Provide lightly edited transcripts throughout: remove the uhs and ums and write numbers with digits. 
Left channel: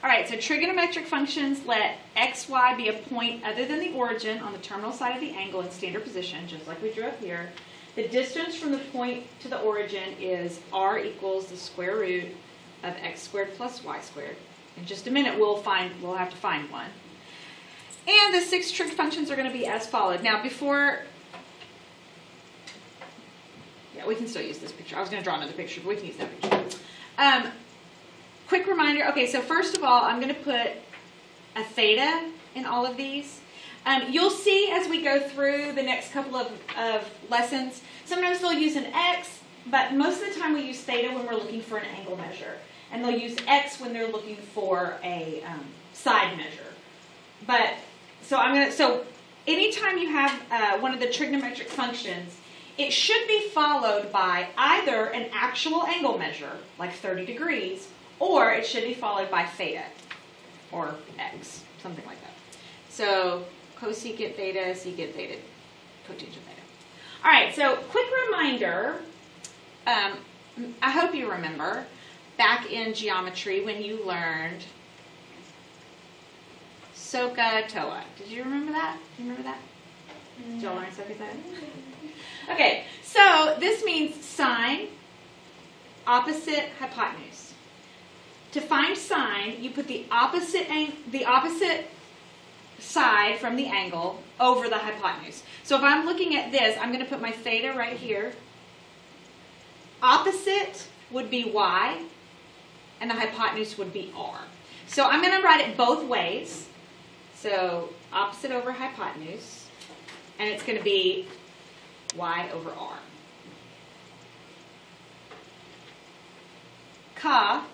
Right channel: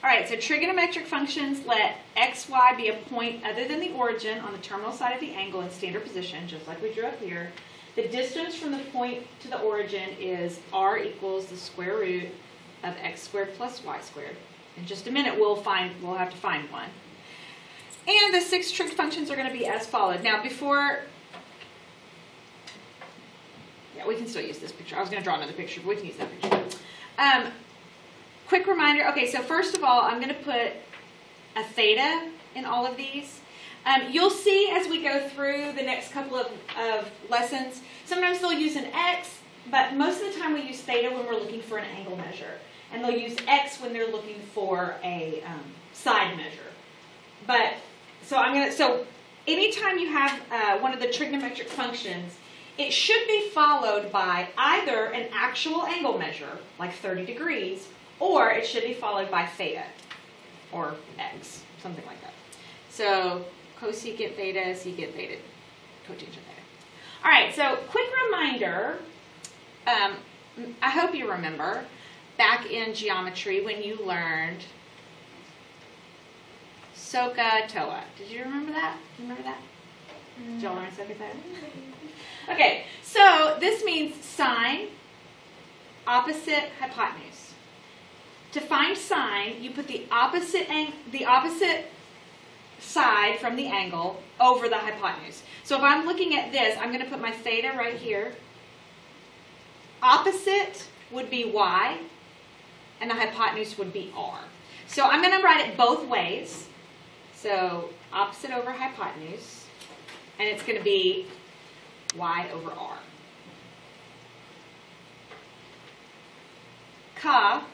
All right, so trigonometric functions let x, y be a point other than the origin on the terminal side of the angle in standard position, just like we drew up here. The distance from the point to the origin is r equals the square root of x squared plus y squared. In just a minute, we'll have to find one. And the 6 trig functions are going to be as followed. Now, before, yeah, we can still use this picture. I was going to draw another picture, but we can use that picture. Quick reminder. Okay, so first of all, I'm going to put a theta in all of these. You'll see as we go through the next couple of lessons, sometimes they'll use an x, but most of the time we use theta when we're looking for an angle measure. And they'll use x when they're looking for a side measure. But so anytime you have one of the trigonometric functions, it should be followed by either an actual angle measure, like 30 degrees, or it should be followed by theta, or x, something like that. So cosecant theta, secant theta, cotangent theta. All right, so quick reminder, I hope you remember, back in geometry when you learned SOHCAHTOA. Did you remember that? Do you remember that? Did y'all learn SOHCAHTOA? Okay, so this means sine, opposite, hypotenuse. To find sine, you put the opposite side from the angle over the hypotenuse. So if I'm looking at this, I'm going to put my theta right here. Opposite would be y, and the hypotenuse would be r. So I'm going to write it both ways. So opposite over hypotenuse, and it's going to be y over r. Ka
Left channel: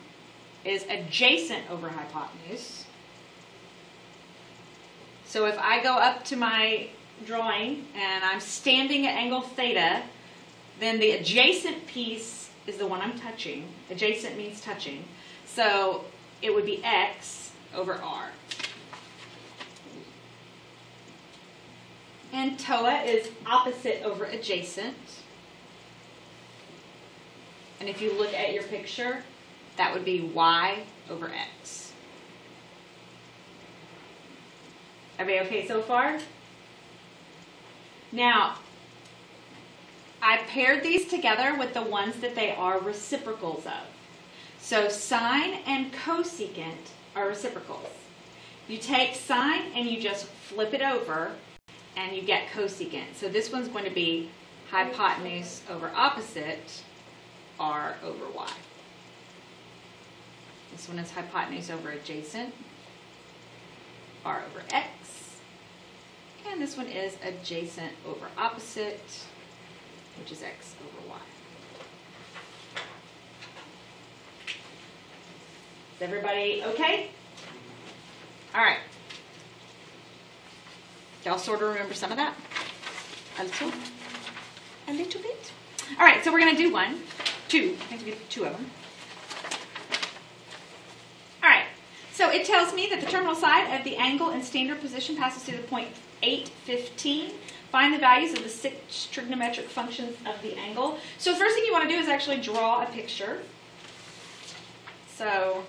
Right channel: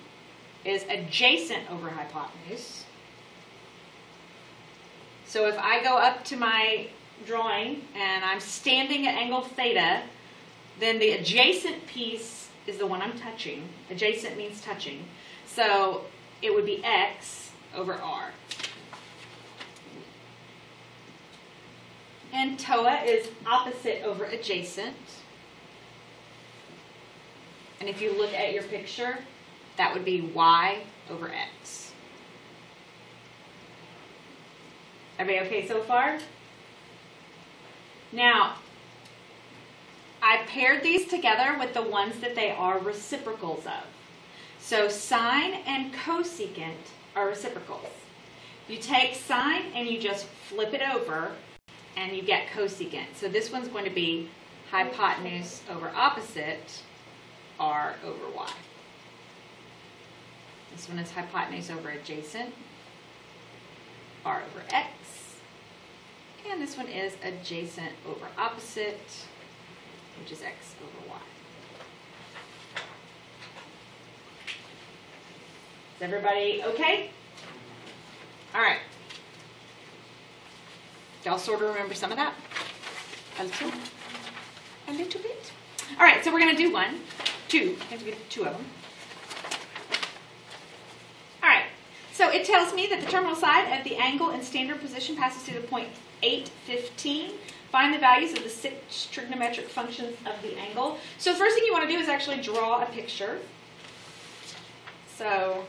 is adjacent over hypotenuse. So if I go up to my drawing and I'm standing at angle theta, then the adjacent piece is the one I'm touching. Adjacent means touching. So it would be x over r. And TOA is opposite over adjacent. And if you look at your picture, that would be y over x. Everybody okay so far? Now, I paired these together with the ones that they are reciprocals of. So sine and cosecant are reciprocals. You take sine and you just flip it over and you get cosecant. So this one's going to be hypotenuse over opposite, r over y. This one is hypotenuse over adjacent, r over x. And this one is adjacent over opposite, which is x over y. Is everybody okay? All right. Y'all sort of remember some of that? A little bit. All right, so we're going to do two. I think we did 2 of them. All right, so it tells me that the terminal side of the angle in standard position passes through the point 815. Find the values of the 6 trigonometric functions of the angle. So the first thing you want to do is actually draw a picture. So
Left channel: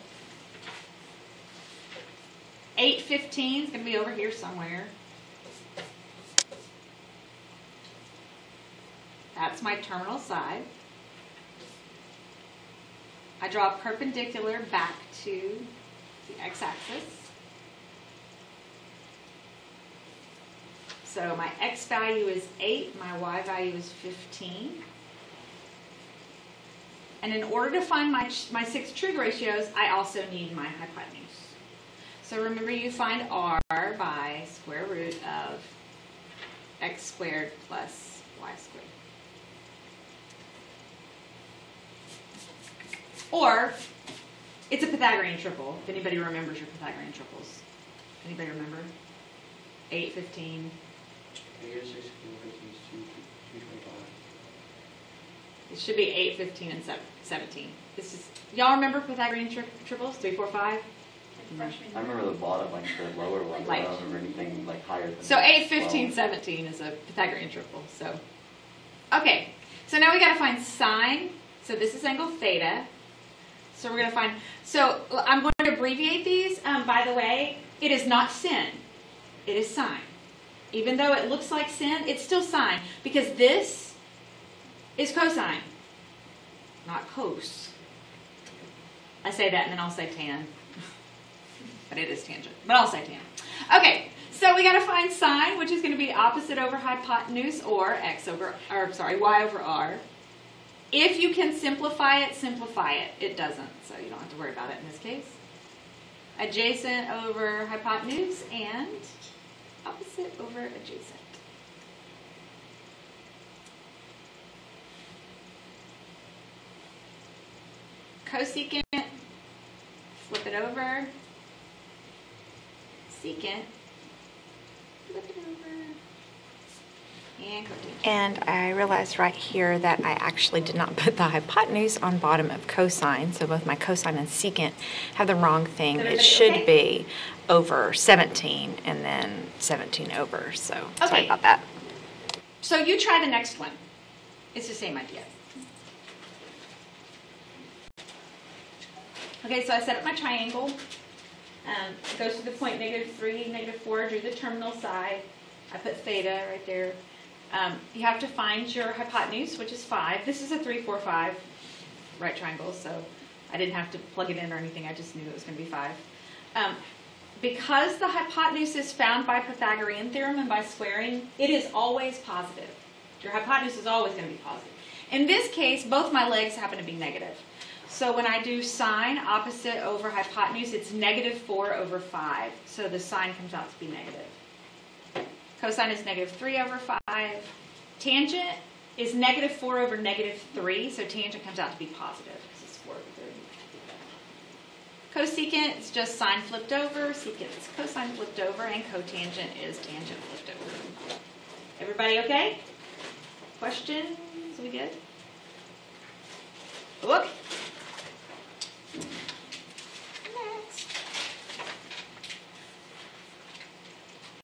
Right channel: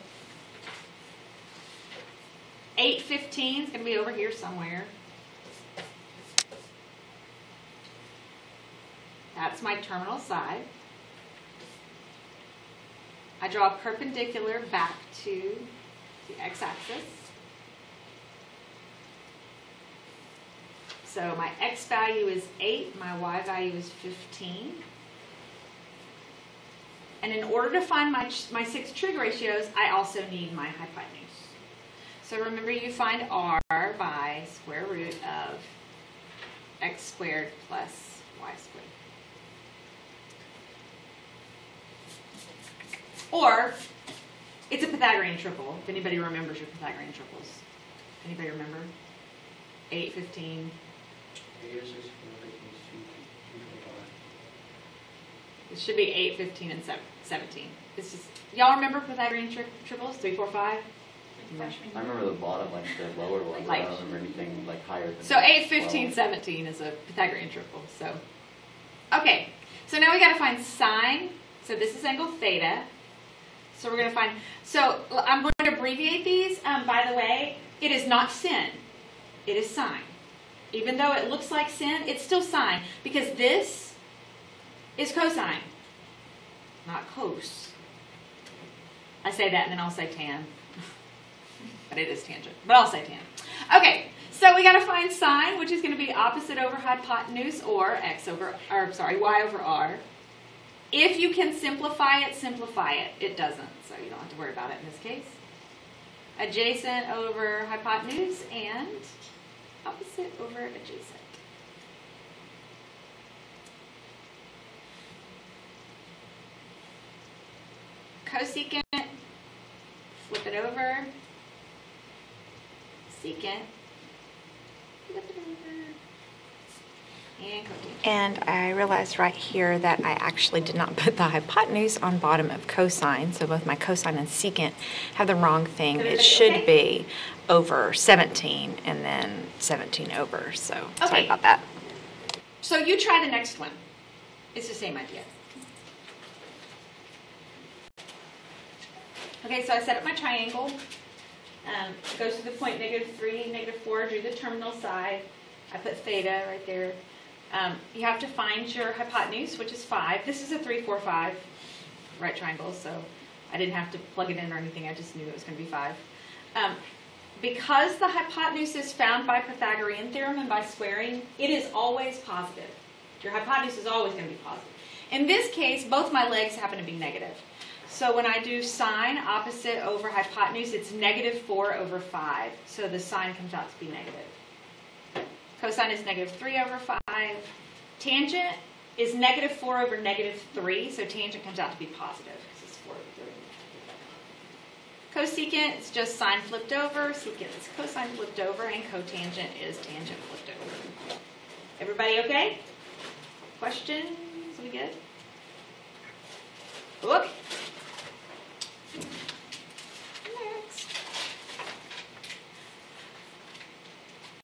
815 is going to be over here somewhere. That's my terminal side. I draw a perpendicular back to the x-axis. So my x value is 8, my y value is 15. And in order to find my 6 trig ratios, I also need my hypotenuse. So remember, you find r by square root of x squared plus y squared. Or, it's a Pythagorean triple, if anybody remembers your Pythagorean triples. Anybody remember? 8, 15. 8 or 6, 4, 15, 2, 3, 4, 5. It should be 8, 15, and 17. This is, y'all remember Pythagorean triples? 3, 4, 5? I remember the bottom, like the lower one. I don't remember anything like higher than so 8, 15, 17 is a Pythagorean triple. So, okay. So now we got to find sine. So this is angle theta. So we're going to find, so I'm going to abbreviate these. By the way, it is not sin. It is sine. Even though it looks like sin, it's still sine. Because this is cosine, not cos. I say that and then I'll say tan. But it is tangent. But I'll say tan. Okay, so we got to find sine, which is going to be opposite over hypotenuse, or y over r. If you can simplify it, simplify it. It doesn't, so you don't have to worry about it in this case. Adjacent over hypotenuse and opposite over adjacent. Cosecant, flip it over. Secant, flip it over. And I realized right here that I actually did not put the hypotenuse on bottom of cosine, so both my cosine and secant have the wrong thing. It should be over 17 and then 17 over, so sorry about that. So you try the next one. It's the same idea. Okay, so I set up my triangle. It goes to the point -3, -4, drew the terminal side. I put theta right there. You have to find your hypotenuse, which is 5. This is a 3, 4, 5 right triangle, so I didn't have to plug it in or anything. I just knew it was going to be 5. Because the hypotenuse is found by Pythagorean theorem and by squaring, it is always positive. Your hypotenuse is always going to be positive. In this case, both my legs happen to be negative. So when I do sine opposite over hypotenuse, it's -4 over 5. So the sine comes out to be negative. Cosine is -3 over 5. Tangent is -4 over -3, so tangent comes out to be positive. So it's 4 over 3. Cosecant is just sine flipped over. Secant is cosine flipped over. And cotangent is tangent flipped over. Everybody okay? Questions? We good? Whoop.